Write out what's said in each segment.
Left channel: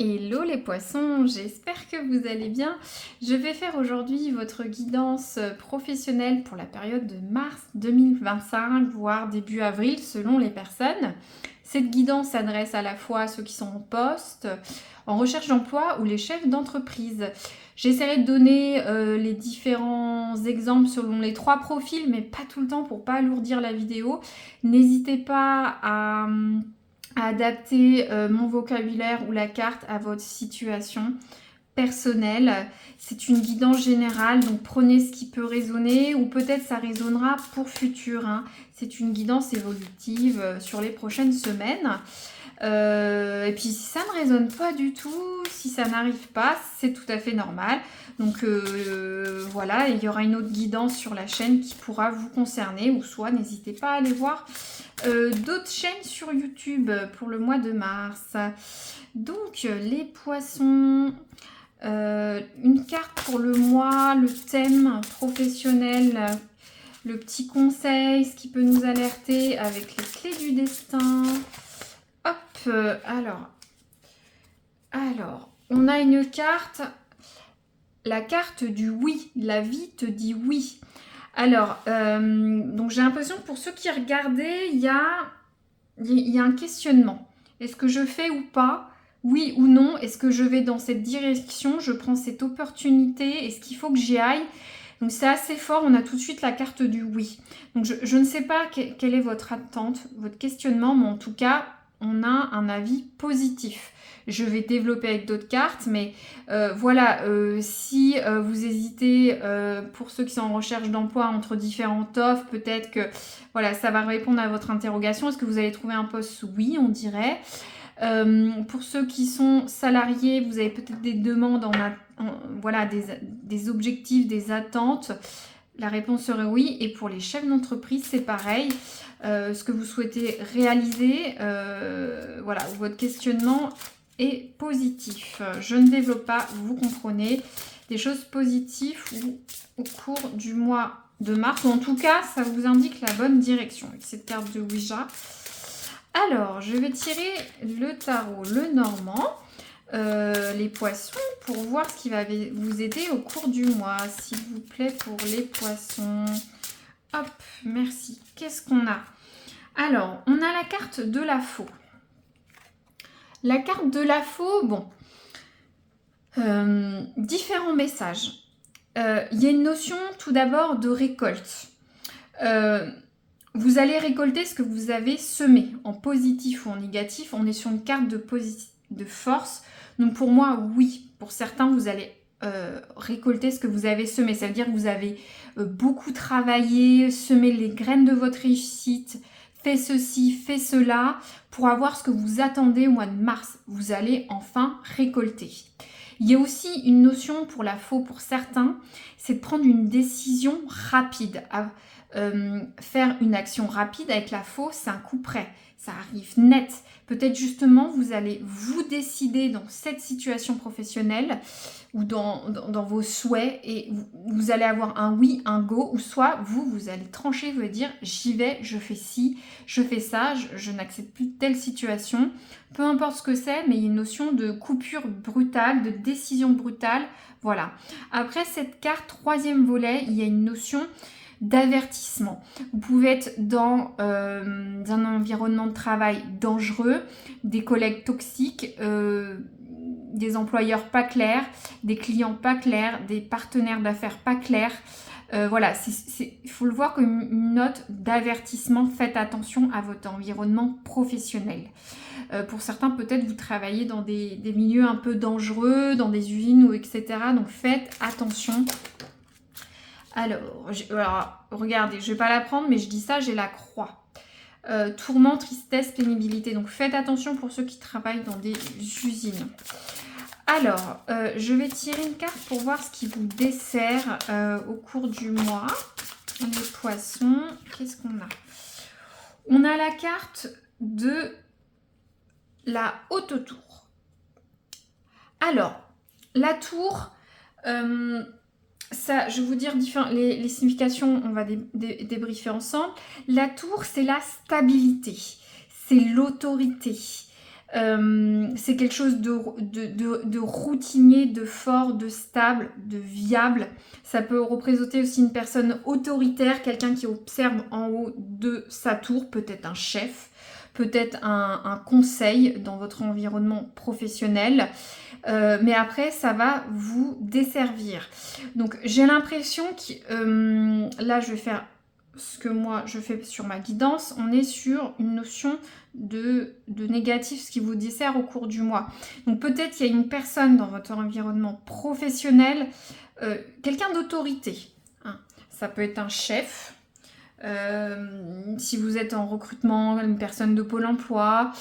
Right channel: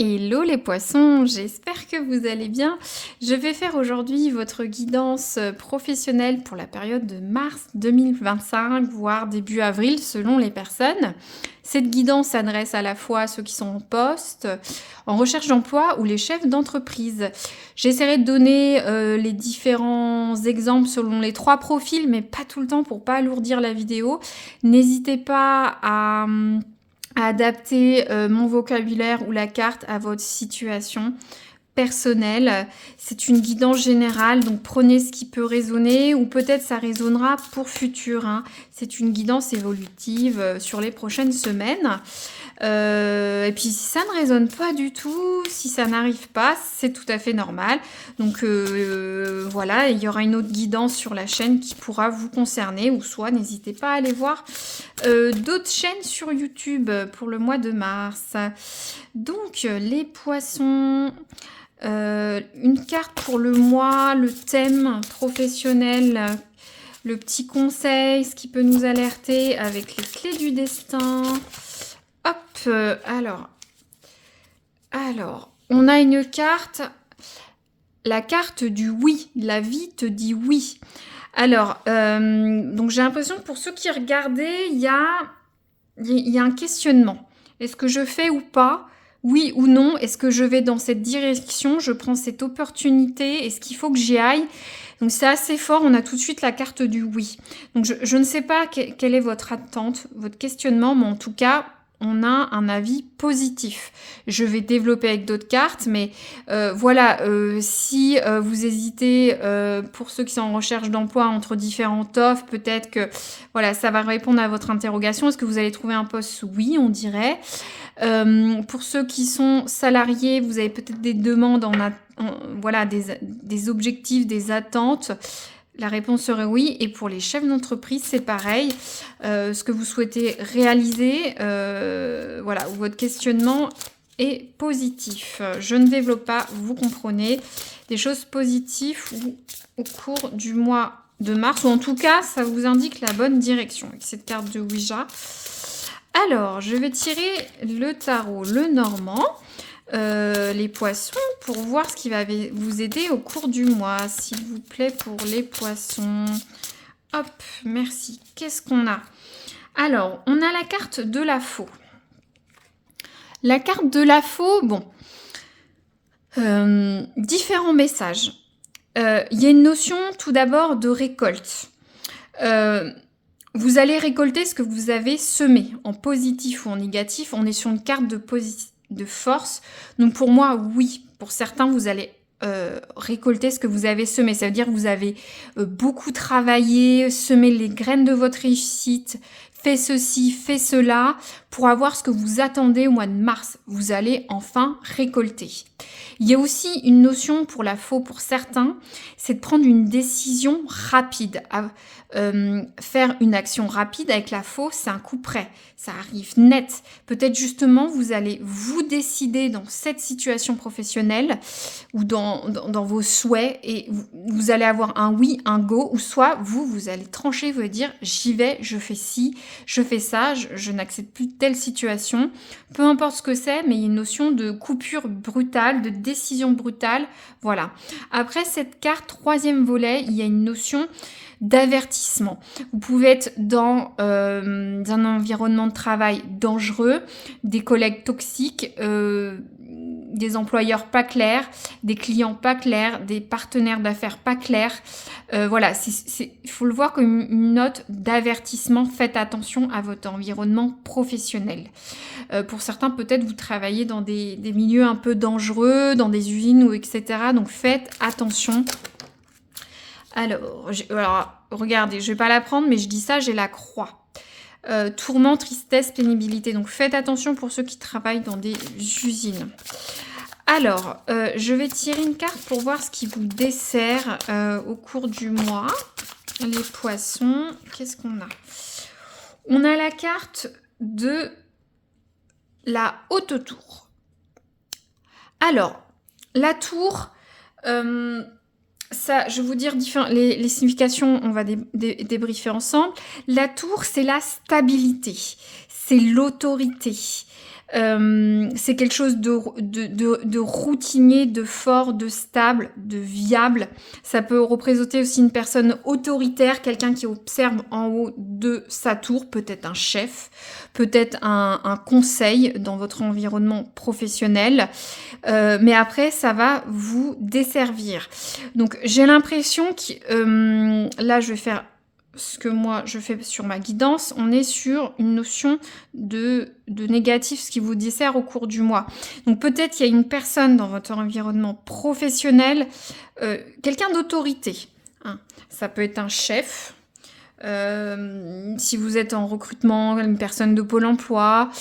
Hello les poissons, j'espère que vous allez bien. Je vais faire aujourd'hui votre guidance professionnelle pour la période de mars 2025, voire début avril selon les personnes. Cette guidance s'adresse à la fois à ceux qui sont en poste, en recherche d'emploi ou les chefs d'entreprise. J'essaierai de donner les différents exemples selon les trois profils, mais pas tout le temps pour pas alourdir la vidéo. N'hésitez pas à adapter mon vocabulaire ou la carte à votre situation personnelle. C'est une guidance générale, donc prenez ce qui peut résonner ou peut-être ça résonnera pour futur, hein. C'est une guidance évolutive sur les prochaines semaines. Et puis si ça ne résonne pas du tout, si ça n'arrive pas, c'est tout à fait normal. Donc voilà, il y aura une autre guidance sur la chaîne qui pourra vous concerner, ou soit n'hésitez pas à aller voir d'autres chaînes sur YouTube pour le mois de mars. Donc les poissons, une carte pour le mois, le thème professionnel, le petit conseil, ce qui peut nous alerter avec les clés du destin. Hop, alors, on a une carte, la carte du oui, la vie te dit oui. Alors, donc j'ai l'impression que pour ceux qui regardaient, il y a un questionnement. Est-ce que je fais ou pas? Oui ou non? Est-ce que je vais dans cette direction? Je prends cette opportunité? Est-ce qu'il faut que j'y aille? Donc c'est assez fort, on a tout de suite la carte du oui. Donc je ne sais pas quelle est votre attente, votre questionnement, mais en tout cas, on a un avis positif. Je vais développer avec d'autres cartes, mais voilà, si vous hésitez, pour ceux qui sont en recherche d'emploi entre différentes offres, peut-être que voilà, ça va répondre à votre interrogation. Est-ce que vous allez trouver un poste? Oui, on dirait. Pour ceux qui sont salariés, vous avez peut-être des demandes, voilà, des objectifs, des attentes. La réponse serait oui. Et pour les chefs d'entreprise, c'est pareil. Ce que vous souhaitez réaliser, voilà, votre questionnement est positif. Je ne développe pas, vous comprenez, des choses positives au cours du mois de mars, ou en tout cas, ça vous indique la bonne direction avec cette carte de Ouija. Alors, je vais tirer le tarot Lenormand, les poissons, pour voir ce qui va vous aider au cours du mois, s'il vous plaît, pour les poissons. Hop, merci. Qu'est-ce qu'on a? Alors, on a la carte de la faux. La carte de la faux, bon, différents messages. Il y a une notion tout d'abord de récolte. Vous allez récolter ce que vous avez semé, en positif ou en négatif. On est sur une carte de force. Donc pour moi, oui. Pour certains, vous allez récolter ce que vous avez semé. Ça veut dire que vous avez beaucoup travaillé, semé les graines de votre réussite, fait ceci, fait cela, pour avoir ce que vous attendez au mois de mars. Vous allez enfin récolter. Il y a aussi une notion pour la faux pour certains, c'est de prendre une décision rapide. Faire une action rapide avec la faux, c'est un coup près. Ça arrive net. Peut-être justement, vous allez vous décider dans cette situation professionnelle ou dans vos souhaits et vous allez avoir un oui, un go, ou soit vous allez trancher, vous allez dire j'y vais, je fais ci, je fais ça, je n'accepte plus telle situation. Peu importe ce que c'est, mais il y a une notion de coupure brutale, de décision brutale. Voilà. Après cette carte, troisième volet, il y a une notion d'avertissement. Vous pouvez être dans un environnement de travail dangereux, des collègues toxiques, des employeurs pas clairs, des clients pas clairs, des partenaires d'affaires pas clairs. Voilà, il faut le voir comme une note d'avertissement. Faites attention à votre environnement professionnel. Pour certains, peut-être vous travaillez dans des milieux un peu dangereux, dans des usines ou etc. Donc faites attention. Alors, regardez, je ne vais pas la prendre, mais je dis ça, j'ai la croix. Tourment, tristesse, pénibilité. Donc, faites attention pour ceux qui travaillent dans des usines. Alors, je vais tirer une carte pour voir ce qui vous dessert au cours du mois. Les poissons, qu'est-ce qu'on a? On a la carte de la haute tour. Alors, la tour... ça, je vais vous dire les significations, on va débriefer ensemble. La tour, c'est la stabilité, c'est l'autorité. C'est quelque chose de routinier, de fort, de stable, de viable. Ça peut représenter aussi une personne autoritaire, quelqu'un qui observe en haut de sa tour, peut-être un chef, peut-être un conseil dans votre environnement professionnel. Mais après, ça va vous desservir. Donc, j'ai l'impression que là, je vais faire ce que moi je fais sur ma guidance, on est sur une notion de négatif, ce qui vous dessert au cours du mois. Donc peut-être il y a une personne dans votre environnement professionnel, quelqu'un d'autorité. Hein. Ça peut être un chef, si vous êtes en recrutement, une personne de Pôle emploi,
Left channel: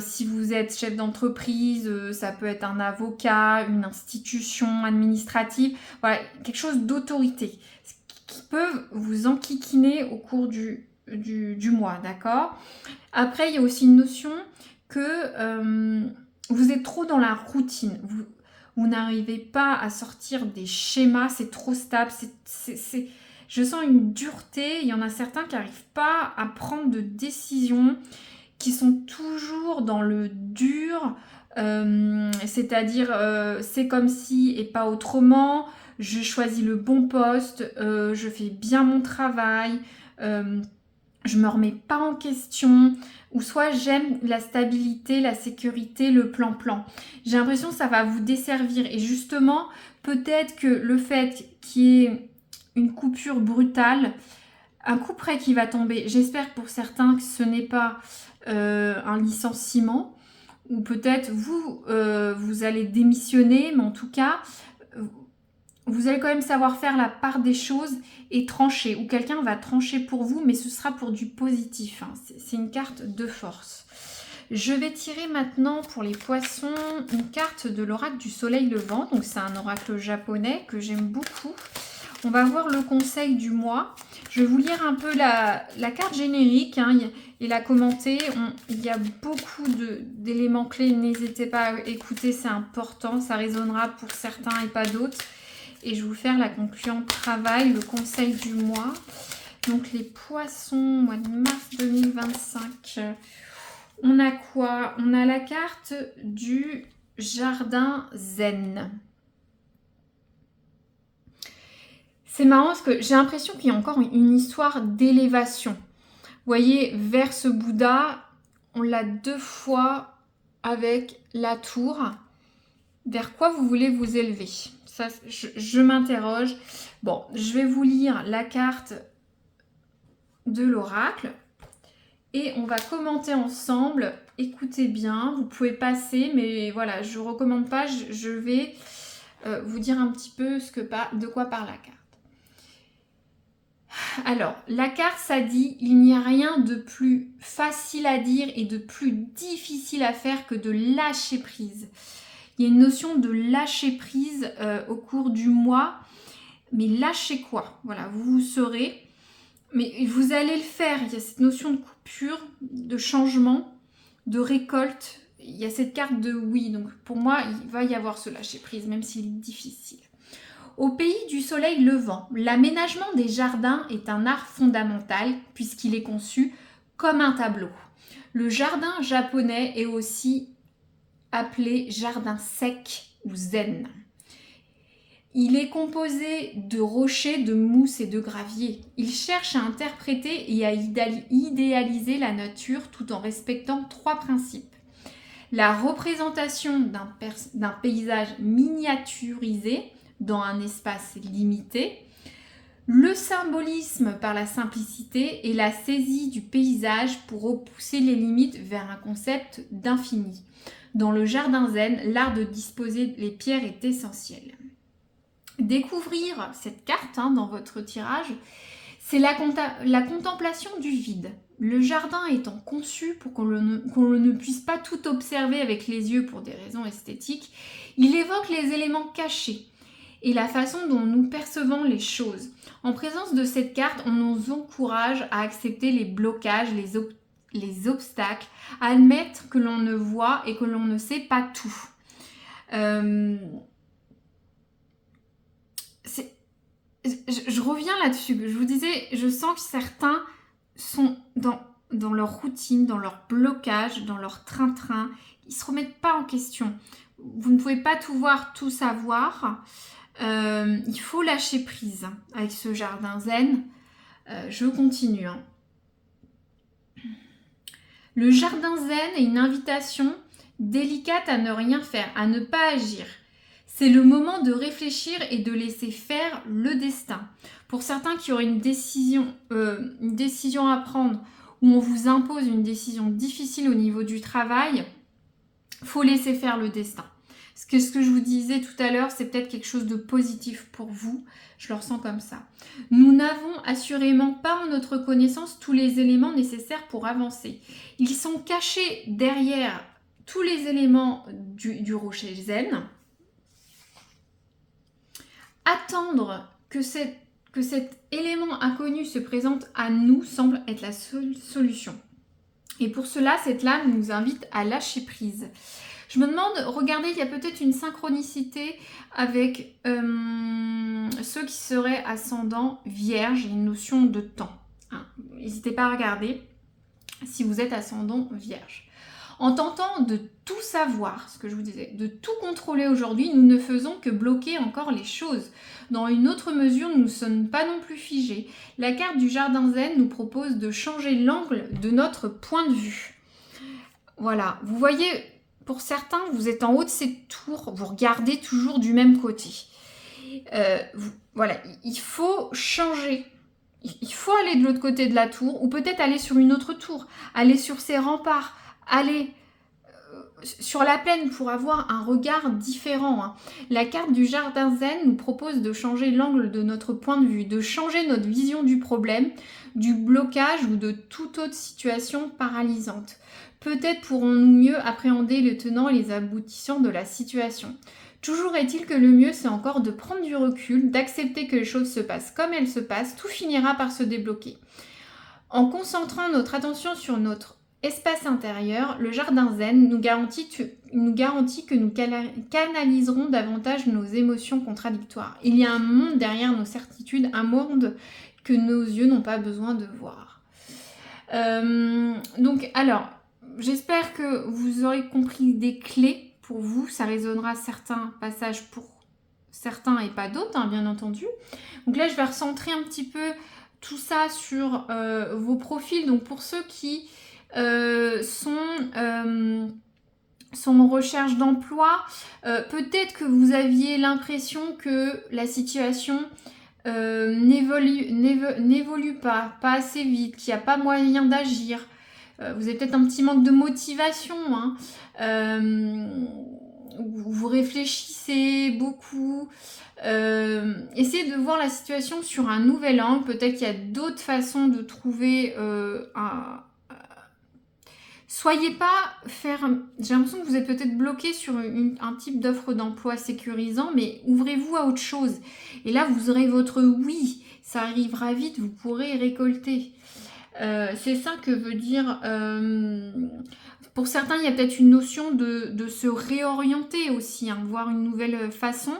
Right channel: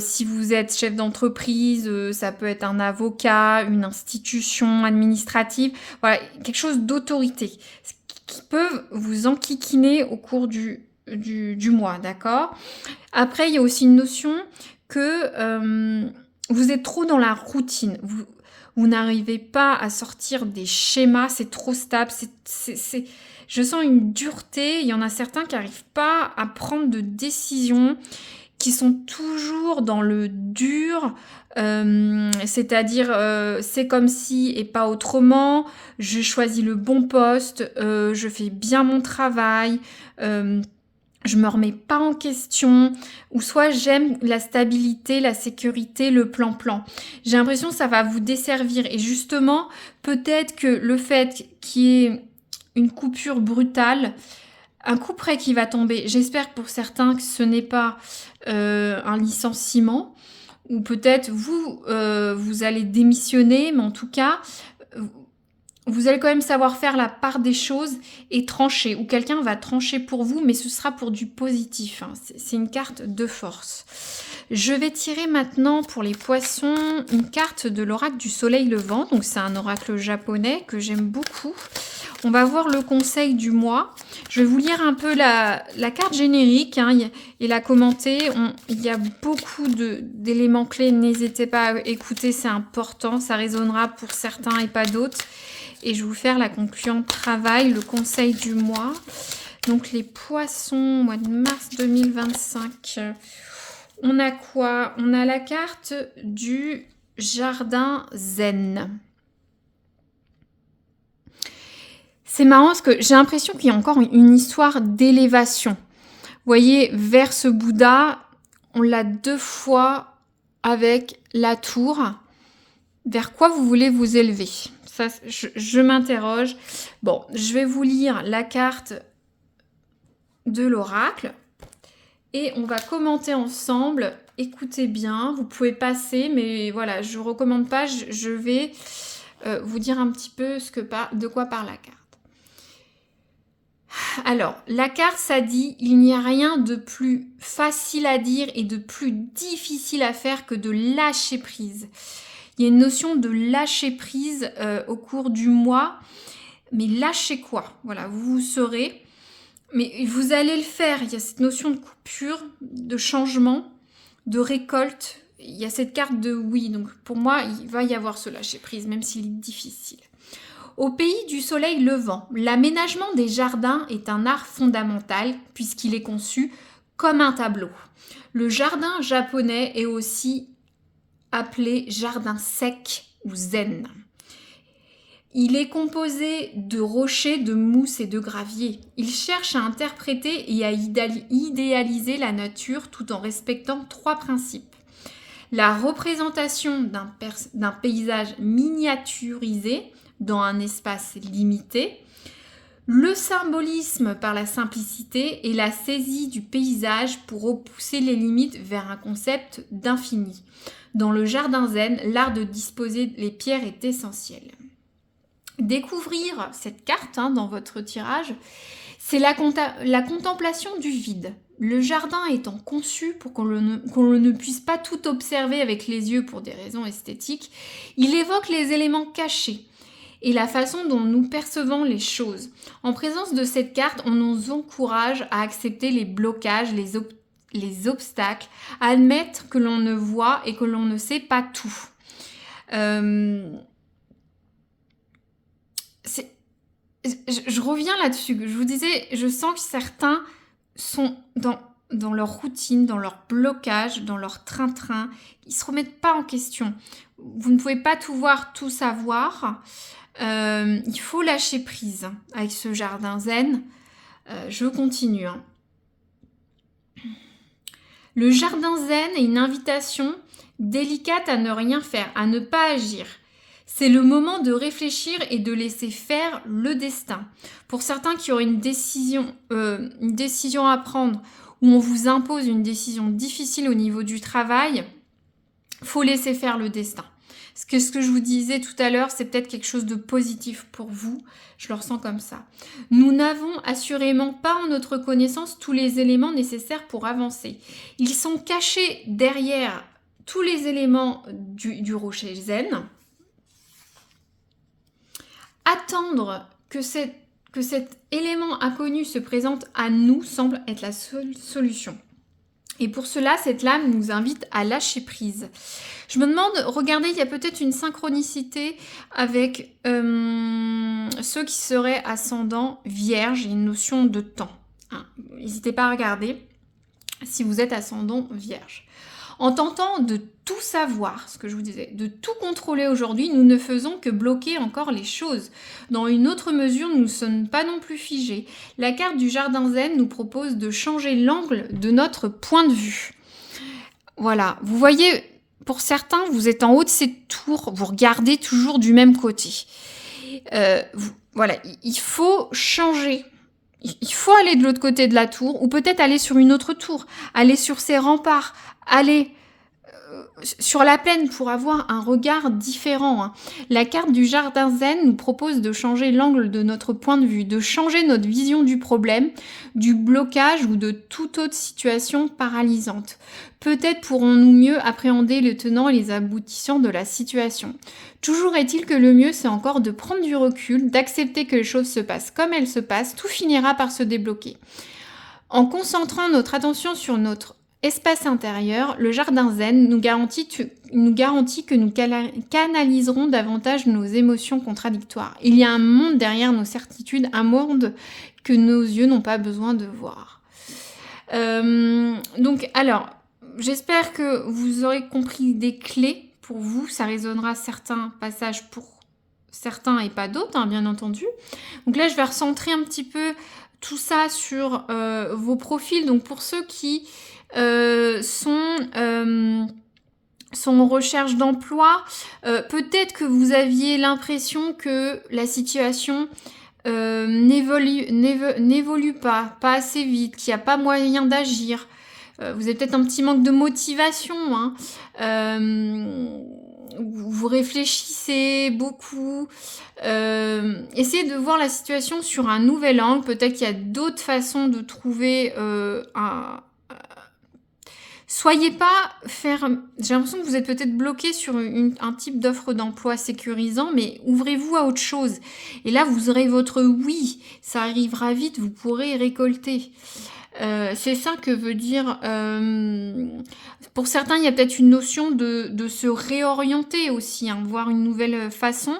si vous êtes chef d'entreprise, ça peut être un avocat, une institution administrative, voilà, quelque chose d'autorité qui peuvent vous enquiquiner au cours du mois, d'accord? Après, il y a aussi une notion que vous êtes trop dans la routine. Vous n'arrivez pas à sortir des schémas, c'est trop stable, je sens une dureté. Il y en a certains qui n'arrivent pas à prendre de décisions, qui sont toujours dans le dur, c'est-à-dire c'est comme si et pas autrement, je choisis le bon poste, je fais bien mon travail, je me remets pas en question, ou soit j'aime la stabilité, la sécurité, le plan-plan. J'ai l'impression que ça va vous desservir, et justement, peut-être que le fait qu'il y ait une coupure brutale, un coup près qui va tomber, j'espère pour certains que ce n'est pas un licenciement, ou peut-être vous allez démissionner, mais en tout cas, vous allez quand même savoir faire la part des choses et trancher, ou quelqu'un va trancher pour vous, mais ce sera pour du positif. Hein. C'est une carte de force. Je vais tirer maintenant pour les poissons une carte de l'oracle du soleil levant. Donc c'est un oracle japonais que j'aime beaucoup. On va voir le conseil du mois. Je vais vous lire un peu la carte générique hein, et la commenter. Il y a beaucoup d'éléments clés. N'hésitez pas à écouter, c'est important. Ça résonnera pour certains et pas d'autres. Et je vais vous faire la conclusion travail, le conseil du mois. Donc les poissons, mois de mars 2025. On a quoi? On a la carte du jardin zen. C'est marrant parce que j'ai l'impression qu'il y a encore une histoire d'élévation. Vous voyez, vers ce Bouddha, on l'a 2 fois avec la tour. Vers quoi vous voulez vous élever? Ça, je m'interroge. Bon, je vais vous lire la carte de l'oracle. Et on va commenter ensemble. Écoutez bien, vous pouvez passer, mais voilà, je ne recommande pas. Je vais vous dire un petit peu de quoi parle la carte. Alors, la carte, ça dit, il n'y a rien de plus facile à dire et de plus difficile à faire que de lâcher prise. Il y a une notion de lâcher prise au cours du mois. Mais lâcher quoi? Voilà, vous saurez. Mais vous allez le faire. Il y a cette notion de coupure, de changement, de récolte. Il y a cette carte de oui. Donc pour moi, il va y avoir ce lâcher prise, même s'il est difficile. Au pays du soleil levant, l'aménagement des jardins est un art fondamental puisqu'il est conçu comme un tableau. Le jardin japonais est aussi appelé jardin sec ou zen. Il est composé de rochers, de mousse et de gravier. Il cherche à interpréter et à idéaliser la nature tout en respectant 3 principes. La représentation d'un paysage miniaturisé dans un espace limité, le symbolisme par la simplicité et la saisie du paysage pour repousser les limites vers un concept d'infini. Dans le jardin zen, l'art de disposer les pierres est essentiel. Découvrir cette carte dans votre tirage, c'est la contemplation du vide. Le jardin étant conçu pour qu'on ne puisse pas tout observer avec les yeux pour des raisons esthétiques, il évoque les éléments cachés et la façon dont nous percevons les choses. En présence de cette carte, on nous encourage à accepter les blocages, les obstacles, à admettre que l'on ne voit et que l'on ne sait pas tout. Je reviens là-dessus. Je vous disais, je sens que certains sont dans leur routine, dans leur blocage, dans leur train-train. Ils ne se remettent pas en question. Vous ne pouvez pas tout voir, tout savoir. Il faut lâcher prise avec ce jardin zen. Je continue. Le jardin zen est une invitation délicate à ne rien faire, à ne pas agir. C'est le moment de réfléchir et de laisser faire le destin. Pour certains qui auraient une décision à prendre, où on vous impose une décision difficile au niveau du travail, il faut laisser faire le destin. Ce que je vous disais tout à l'heure, c'est peut-être quelque chose de positif pour vous. Je le ressens comme ça. Nous n'avons assurément pas en notre connaissance tous les éléments nécessaires pour avancer. Ils sont cachés derrière tous les éléments du rocher zen. Attendre que cet élément inconnu se présente à nous semble être la seule solution. Et pour cela, cette lame nous invite à lâcher prise. Je me demande, regardez, il y a peut-être une synchronicité avec ceux qui seraient ascendants vierges, une notion de temps. N'hésitez pas à regarder si vous êtes ascendant vierge. En tentant de tout savoir, ce que je vous disais, de tout contrôler aujourd'hui, nous ne faisons que bloquer encore les choses. Dans une autre mesure, nous ne sommes pas non plus figés. La carte du jardin zen nous propose de changer l'angle de notre point de vue. Voilà, vous voyez, pour certains, vous êtes en haut de cette tour, vous regardez toujours du même côté. Voilà, il faut changer. Il faut aller de l'autre côté de la tour, ou peut-être aller sur une autre tour, aller sur ces remparts, aller sur la plaine pour avoir un regard différent. La carte du jardin zen nous propose de changer l'angle de notre point de vue, de changer notre vision du problème, du blocage ou de toute autre situation paralysante. Peut-être pourrons-nous mieux appréhender les tenants et les aboutissants de la situation. Toujours est-il que le mieux, c'est encore de prendre du recul, d'accepter que les choses se passent comme elles se passent, tout finira par se débloquer. En concentrant notre attention sur notre espace intérieur, le jardin zen nous garantit que nous canaliserons davantage nos émotions contradictoires. Il y a un monde derrière nos certitudes, un monde que nos yeux n'ont pas besoin de voir. Donc, alors, j'espère que vous aurez compris des clés pour vous. Ça résonnera certains passages pour certains et pas d'autres, bien entendu. Donc là, je vais recentrer un petit peu tout ça sur vos profils. Donc, pour ceux qui sont en recherche d'emploi, peut-être que vous aviez l'impression que la situation n'évolue pas assez vite, qu'il n'y a pas moyen d'agir. Vous avez peut-être un petit manque de motivation, vous réfléchissez beaucoup. Essayez de voir la situation sur un nouvel angle. Peut-être qu'il y a d'autres façons de trouver Soyez pas ferme. J'ai l'impression que vous êtes peut-être bloqué sur un type d'offre d'emploi sécurisant, mais ouvrez-vous à autre chose. Et là, vous aurez votre oui. Ça arrivera vite, vous pourrez récolter. C'est ça que veut dire... pour certains, il y a peut-être une notion de se réorienter aussi, voir une nouvelle façon.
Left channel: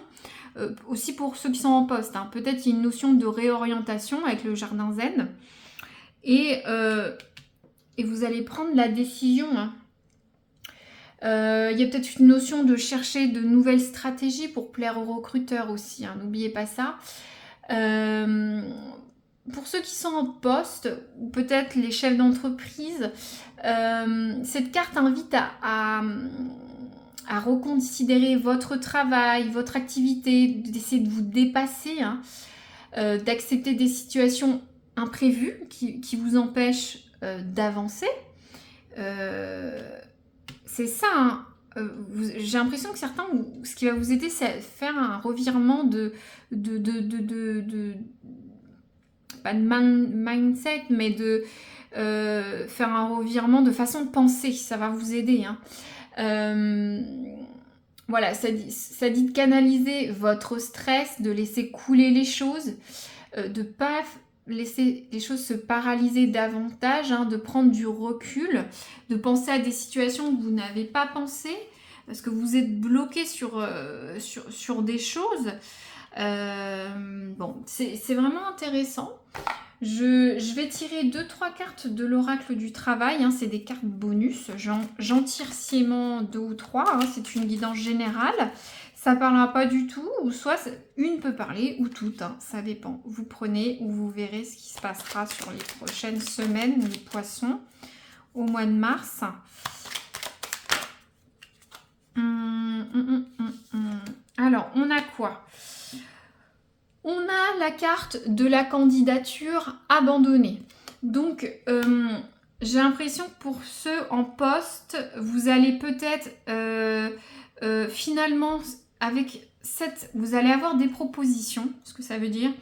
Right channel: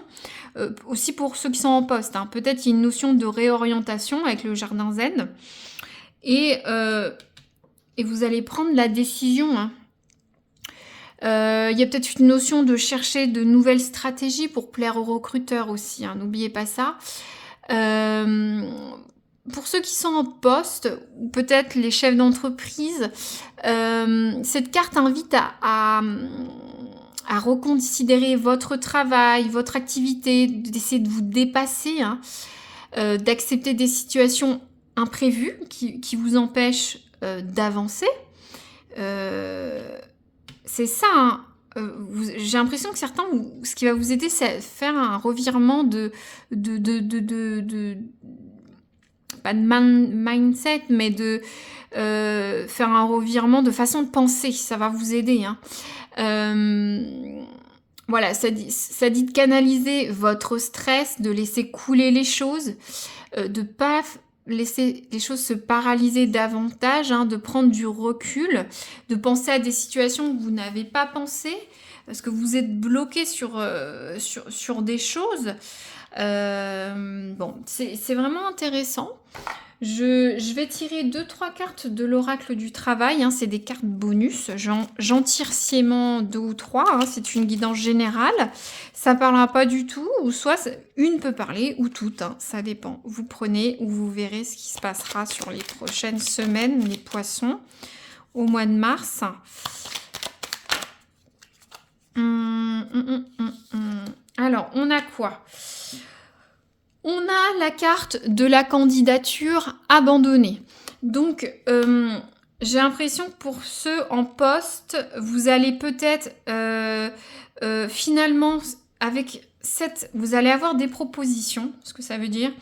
Aussi pour ceux qui sont en poste. Peut-être qu'il y a une notion de réorientation avec le jardin zen. Et vous allez prendre la décision. Il y a peut-être une notion de chercher de nouvelles stratégies pour plaire aux recruteurs aussi. N'oubliez pas ça. Pour ceux qui sont en poste, ou peut-être les chefs d'entreprise, cette carte invite à reconsidérer votre travail, votre activité, d'essayer de vous dépasser, d'accepter des situations imprévues qui vous empêchent d'avancer. C'est ça. J'ai l'impression que certains, ce qui va vous aider, c'est faire un revirement pas de mindset, mais de faire un revirement de façon de penser. Ça va vous aider. Voilà, ça dit de canaliser votre stress, de laisser couler les choses, de pas laisser les choses se paralyser davantage, de prendre du recul, de penser à des situations que vous n'avez pas pensé, parce que vous êtes bloqué sur des choses. Bon, c'est vraiment intéressant. Je vais tirer 2-3 cartes de l'oracle du travail. Hein, c'est des cartes bonus. J'en tire sciemment 2 ou 3. Hein, c'est une guidance générale. Ça ne parlera pas du tout. Ou soit une peut parler ou toutes. Hein, ça dépend. Vous prenez ou vous verrez ce qui se passera sur les prochaines semaines, les poissons, au mois de mars. Alors, on a quoi? On a la carte de la candidature abandonnée. Donc, j'ai l'impression que pour ceux en poste, vous allez peut-être finalement, avec vous allez avoir des propositions, ce que ça veut dire,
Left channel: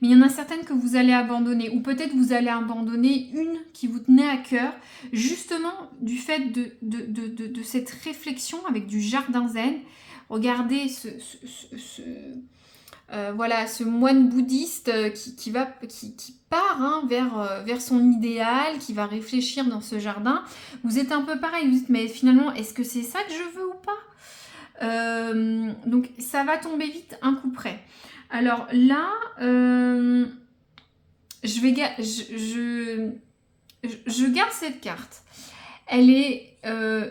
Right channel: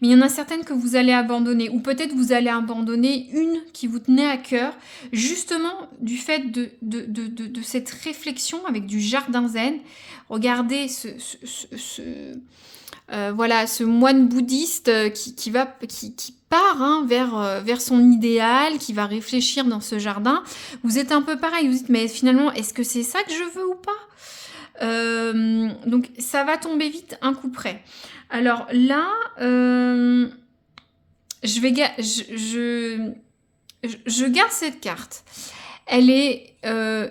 mais il y en a certaines que vous allez abandonner, ou peut-être vous allez abandonner une qui vous tenait à cœur, justement du fait de cette réflexion avec du jardin zen. Regardez voilà, ce moine bouddhiste qui part hein, vers son idéal, qui va réfléchir dans ce jardin. Vous êtes un peu pareil, vous dites, mais finalement, est-ce que c'est ça que je veux ou pas? Donc, ça va tomber vite un coup près. Alors là, je garde cette carte. Elle est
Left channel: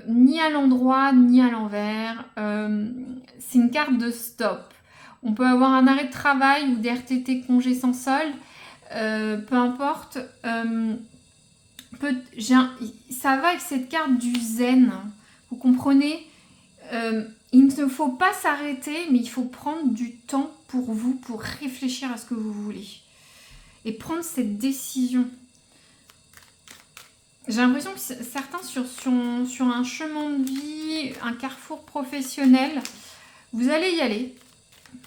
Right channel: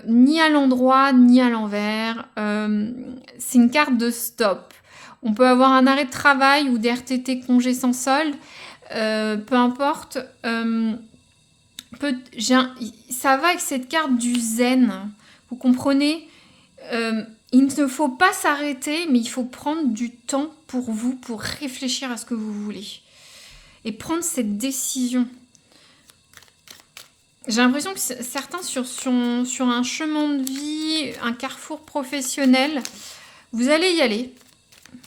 ni à l'endroit, ni à l'envers. C'est une carte de stop. On peut avoir un arrêt de travail ou des RTT congés sans solde. Peu importe. Ça va avec cette carte du zen. Vous comprenez? Il ne faut pas s'arrêter, mais il faut prendre du temps pour vous, pour réfléchir à ce que vous voulez. Et prendre cette décision. J'ai l'impression que certains sur un chemin de vie, un carrefour professionnel, vous allez y aller.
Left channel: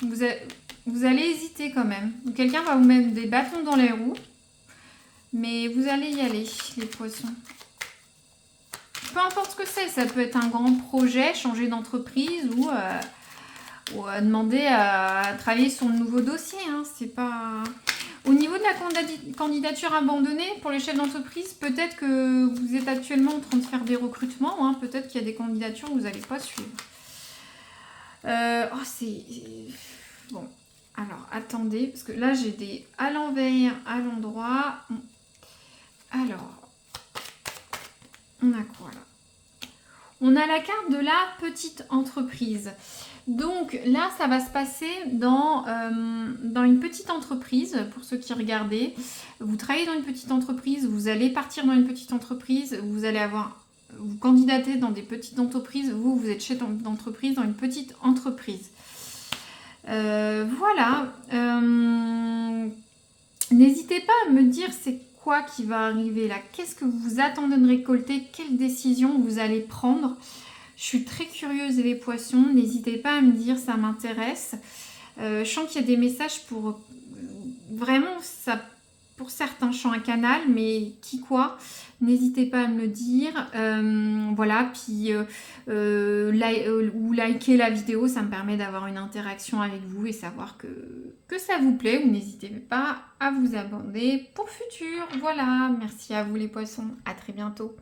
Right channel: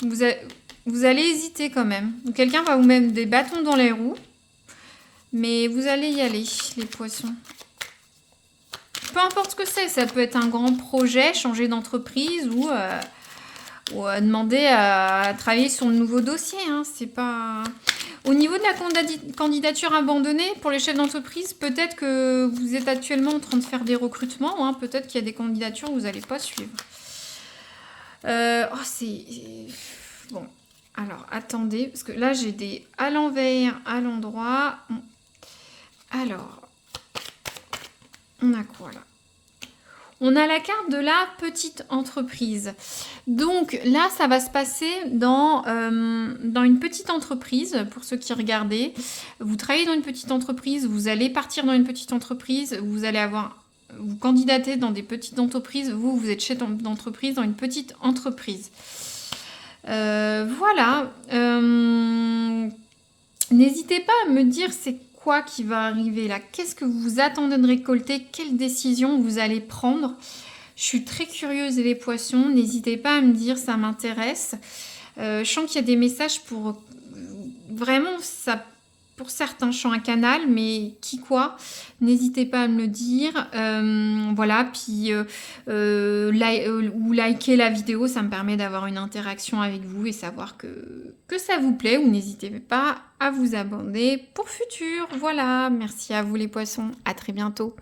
Vous allez hésiter quand même. Quelqu'un va vous mettre des bâtons dans les roues. Mais vous allez y aller, les poissons. Peu importe ce que c'est. Ça peut être un grand projet, changer d'entreprise ou demander à travailler sur de nouveaux dossiers. Hein. C'est pas... Au niveau de la candidature abandonnée, pour les chefs d'entreprise, peut-être que vous êtes actuellement en train de faire des recrutements. Hein. Peut-être qu'il y a des candidatures que vous n'allez pas suivre. Bon, alors, attendez, parce que là, j'ai des à l'envers, à l'endroit. Alors, on a quoi là? On a la carte de la petite entreprise. Donc là, ça va se passer dans une petite entreprise, pour ceux qui regardaient. Vous travaillez dans une petite entreprise, vous allez partir dans une petite entreprise, vous candidatez dans des petites entreprises, vous êtes chef d'entreprise dans une petite entreprise. Voilà. N'hésitez pas à me dire c'est quoi qui va arriver là. Qu'est-ce que vous attendez de récolter? Quelle décision vous allez prendre? Je suis très curieuse les poissons. N'hésitez pas à me dire, ça m'intéresse. Je sens qu'il y a des messages pour... Vraiment, ça... Pour certains, je sens un canal, mais qui quoi? N'hésitez pas à me le dire. Voilà, puis ou liker la vidéo, ça me permet d'avoir une interaction avec vous et savoir que ça vous plaît. Ou n'hésitez pas à vous abonner pour futur. Voilà, merci à vous les poissons. À très bientôt.